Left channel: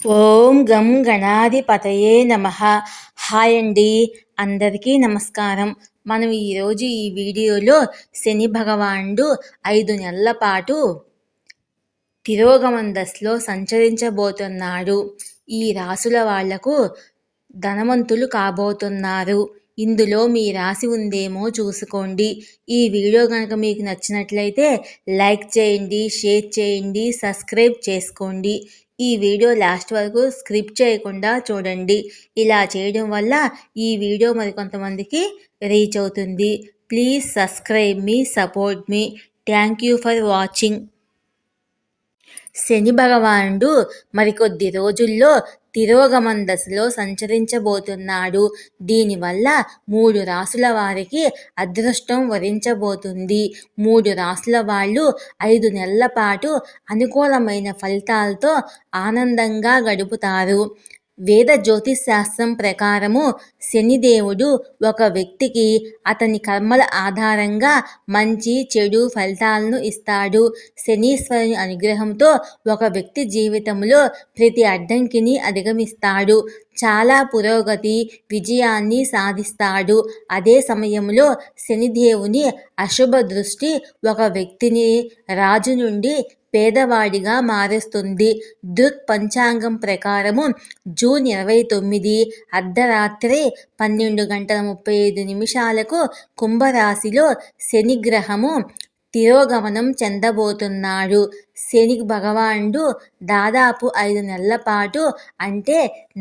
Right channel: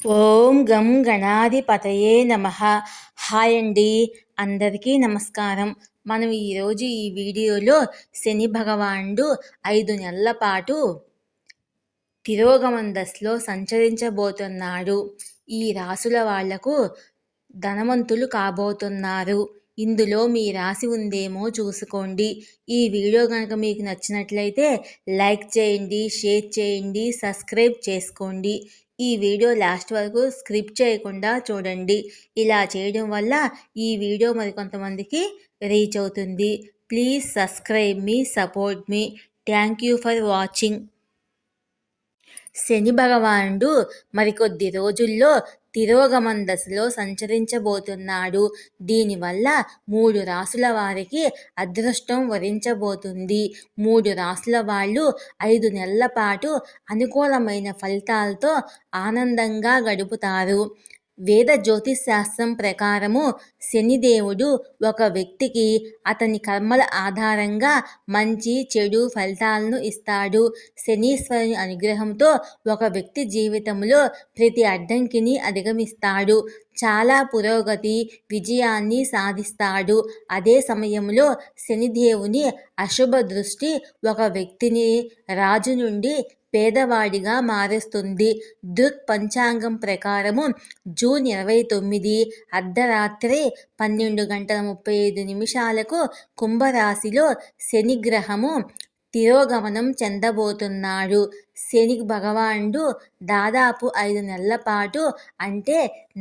ఓం గం గణాధిపతయే నమః. హాయ్ అండి, అందరికీ నమస్కారం. మనం ఈరోజు ఈ వీడియోలో శని భగవానుడు 5 నెలల పాటు తిరోగమన దశలో సంచరించబోతున్నాడు. ఈ రాసుల వాళ్లకు ధనవంతులు కాబోతున్నారు. ఇందులో మీ రాశి ఉందేమో చూసుకోండి. ఈ వీడియో కనుక మీకు నచ్చినట్లయితే లైక్ చేయండి, షేర్ చేయండి, సబ్స్క్రైబ్ చేసుకోండి. ఈ వీడియో లాస్ట్ వరకు స్క్రిప్ట్ చేయకుండా చూడండి. ఇలా చేయడం వల్ల ఈ వీడియో మరికొంతమందికి రీచ్ అవుతుంది. Please subscribe me, support me. Thank you for watching. Shani భగవానుడు మరికొద్ది రోజుల్లో తిరోగమన దశలో సంచరించబోతున్నాడు. దీనివల్ల 3 రాసుల వారికి అదృష్టం వరించబోతుంది. 3 రాసుల వాళ్ళు 5 నెలల పాటు అనుకూలమైన ఫలితాలతో ఆనందంగా గడుపుతారు. వేద జ్యోతిశాస్త్రం ప్రకారము శనిదేవుడు ఒక వ్యక్తికి అతని కర్మల ఆధారంగా మంచి చెడు ఫలితాలను ఇస్తాడు. శనీశ్వరుని అనుగ్రహంతో ఒక వ్యక్తి జీవితంలో ప్రతి అడ్డంకిని అధిగమిస్తాడు. చాలా పురోగతి, విజయాన్ని సాధిస్తాడు. అదే సమయంలో శనిదేవుని అశుభ దృష్టి ఒక వ్యక్తిని రాజు నుండి పేదవాడిగా మారుస్తుంది. పంచాంగం ప్రకారము జూన్ 29 అర్ధరాత్రి 12:35 కుంభరాశిలో శనిగ్రహము తిరోగమనం చెందబోతున్నాడు. శని భగవానుడు దాదాపు 5 నెలల పాటు అంటే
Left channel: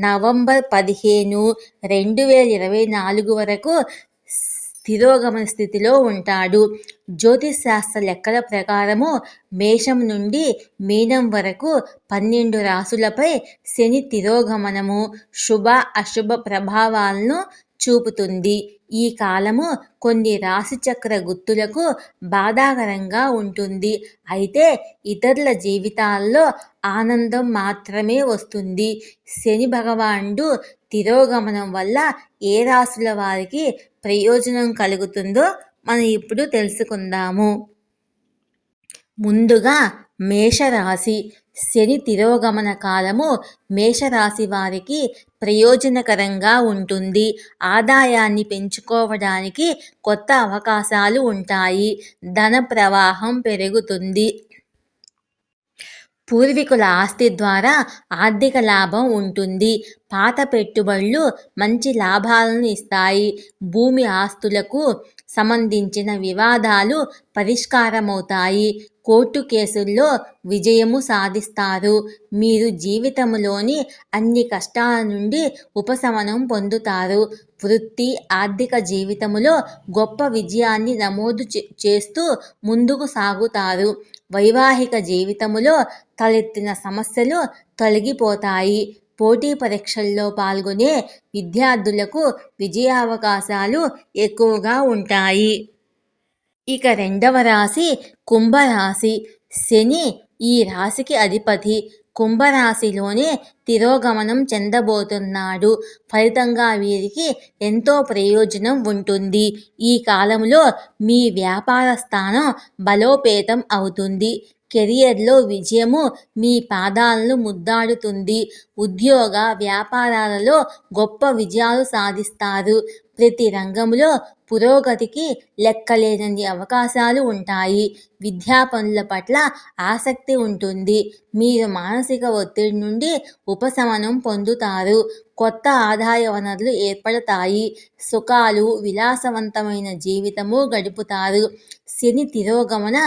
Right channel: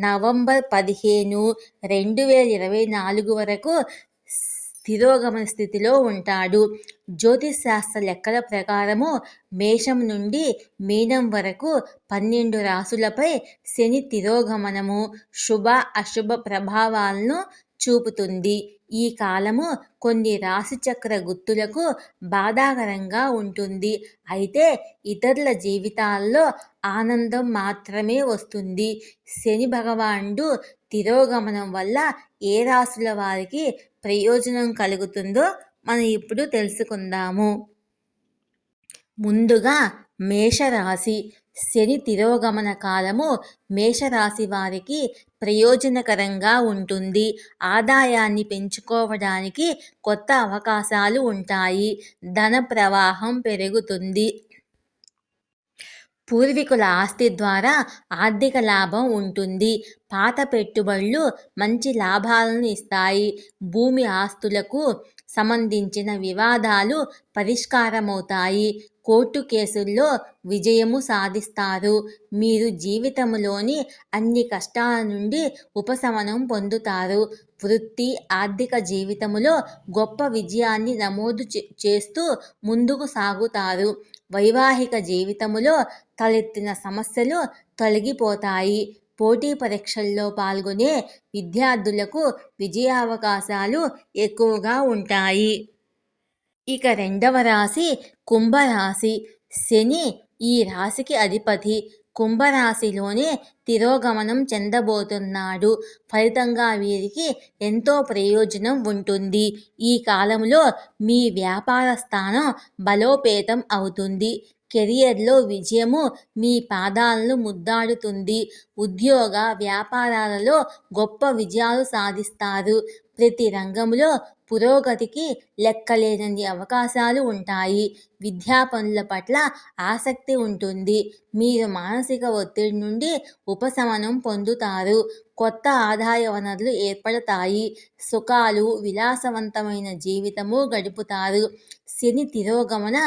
నవంబర్ 15, 2024 వరకు తిరోగమన స్థితిలో ఉంటాడు. జ్యోతిశాస్త్ర లెక్కల ప్రకారము మేషం నుండి మీనం వరకు 12 రాసులపై శని తిరోగమనము శుభ అశుభ ప్రభావాలను చూపుతుంది. ఈ కాలము కొన్ని రాశిచక్ర గుర్తులకు బాధాకరంగా ఉంటుంది. అయితే ఇతరుల జీవితాల్లో ఆనందం మాత్రమే వస్తుంది. శని భగవానుడు తిరోగమనం వల్ల ఏ రాశుల వారికి ప్రయోజనం కలుగుతుందో మనం ఇప్పుడు తెలుసుకుందాము. ముందుగా మేషరాశి. శని తిరోగమన కాలము మేషరాశి వారికి ప్రయోజనకరంగా ఉంటుంది. ఆదాయాన్ని పెంచుకోవడానికి కొత్త అవకాశాలు ఉంటాయి. ధన ప్రవాహం పెరుగుతుంది. పూర్వీకుల ఆస్తి ద్వారా ఆర్థిక లాభం ఉంటుంది. పాత పెట్టుబడులు మంచి లాభాలను ఇస్తాయి. భూమి ఆస్తులకు సంబంధించిన వివాదాలు పరిష్కారమవుతాయి. కోర్టు కేసుల్లో విజయము సాధిస్తారు. మీరు జీవితంలోని అన్ని కష్టాల నుండి ఉపశమనం పొందుతారు. వృత్తి, ఆర్థిక జీవితంలో గొప్ప విజయాన్ని నమోదు చేస్తూ ముందుకు సాగుతారు. వైవాహిక జీవితంలో తలెత్తిన సమస్యలు తొలగిపోతాయి. పోటీ పరీక్షల్లో పాల్గొనే విద్యార్థులకు విజయావకాశాలు ఎక్కువగా ఉంటాయి. ఇక రెండవ రాశి కుంభరాశి. శని ఈ రాశికి అధిపతి. కుంభరాశిలోనే తిరోగమనం చెందబోతున్నాడు. ఫలితంగా వీరికి ఎంతో ప్రయోజనం ఉంటుంది. ఈ కాలంలో మీ వ్యాపార స్థానం బలోపేతం అవుతుంది. కెరియర్లో విజయము మీ పాదాలను ముద్దాడుతుంది. ఉద్యోగ వ్యాపారాలలో గొప్ప విజయాలు సాధిస్తారు. ప్రతి రంగంలో పురోగతికి లెక్కలేనన్ని అవకాశాలు ఉంటాయి. విద్యా పనుల పట్ల ఆసక్తి ఉంటుంది. మీరు మానసిక ఒత్తిడి నుండి ఉపశమనం పొందుతారు. కొత్త ఆదాయ వనరులు ఏర్పడతాయి. సుఖాలు, విలాసవంతమైన జీవితము గడుపుతారు. శని తిరోగమన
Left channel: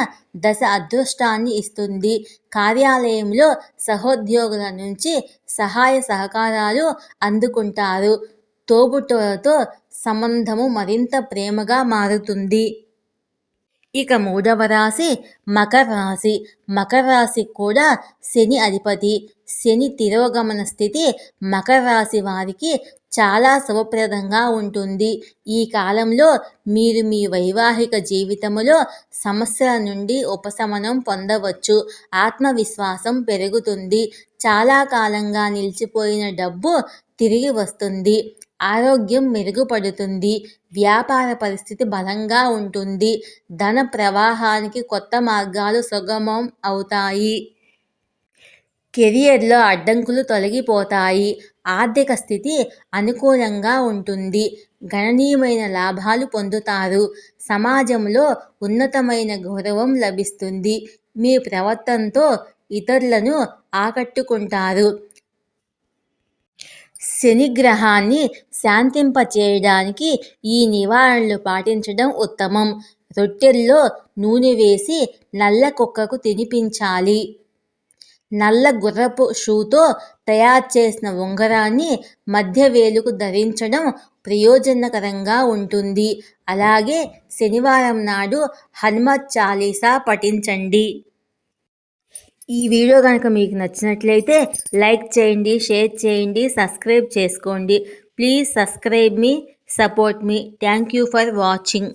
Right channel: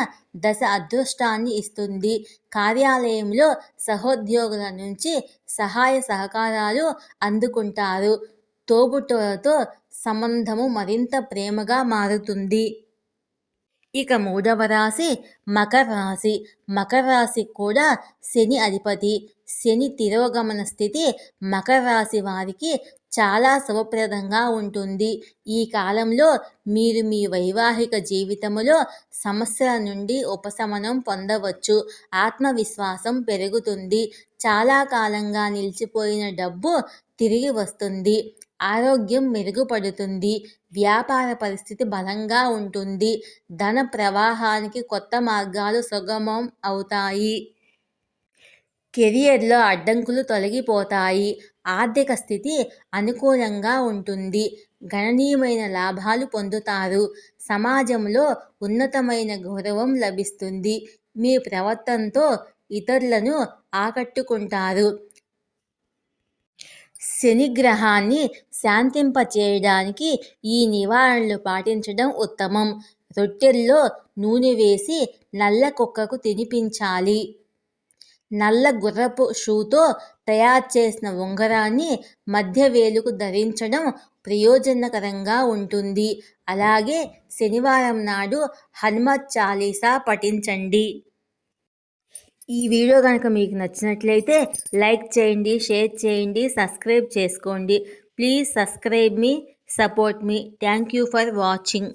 దశ అదృష్టాన్ని ఇస్తుంది. కార్యాలయంలో సహోద్యోగుల నుంచి సహాయ సహకారాలు అందుకుంటారు. తోబుట్టువులతో సంబంధము మరింత ప్రేమగా మారుతుంది. ఇక మూడవ రాశి మకర రాశి. మకర రాశి కూడా శని అధిపతి. శని తిరోగమన స్థితి మకర రాశి వారికి చాలా శుభప్రదంగా ఉంటుంది. ఈ కాలంలో మీరు మీ వైవాహిక జీవితంలో సమస్యల నుండి ఉపశమనం పొందవచ్చు. ఆత్మవిశ్వాసం పెరుగుతుంది. చాలా కాలంగా నిలిచిపోయిన డబ్బు తిరిగి వస్తుంది. ఆరోగ్యం మెరుగుపడుతుంది. వ్యాపార పరిస్థితి బలంగా ఉంటుంది. ధన ప్రవాహానికి కొత్త మార్గాలు సుగమం అవుతాయి. కెరియర్లో అడ్డంకులు తొలగిపోతాయి. ఆర్థిక స్థితి అనుకూలంగా ఉంటుంది. గణనీయమైన లాభాలు పొందుతారు. సమాజంలో ఉన్నతమైన గౌరవం లభిస్తుంది. మీ ప్రవర్తనతో ఇతరులను ఆకట్టుకుంటారు. శనిగ్రహాన్ని శాంతింపచేయడానికి ఈ నివారణలు పాటించడం ఉత్తమం. రొట్టెల్లో నూనె వేసి నల్ల కుక్కకు తినిపించాలి. నల్ల గుర్రపు షూతో తయారు చేసిన ఉంగరాన్ని మధ్య వేలుకు ధరించడం ప్రయోజనకరంగా ఉంటుంది. అలాగే శనివారం నాడు హనుమత్ చాలీసా పఠించండి. ఈ వీడియో కనుక మీకు నచ్చినట్లయితే లైక్ చేయండి, షేర్ చేయండి, సబ్స్క్రైబ్ చేసుకోండి. Please subscribe me, support me. Thank you for watching.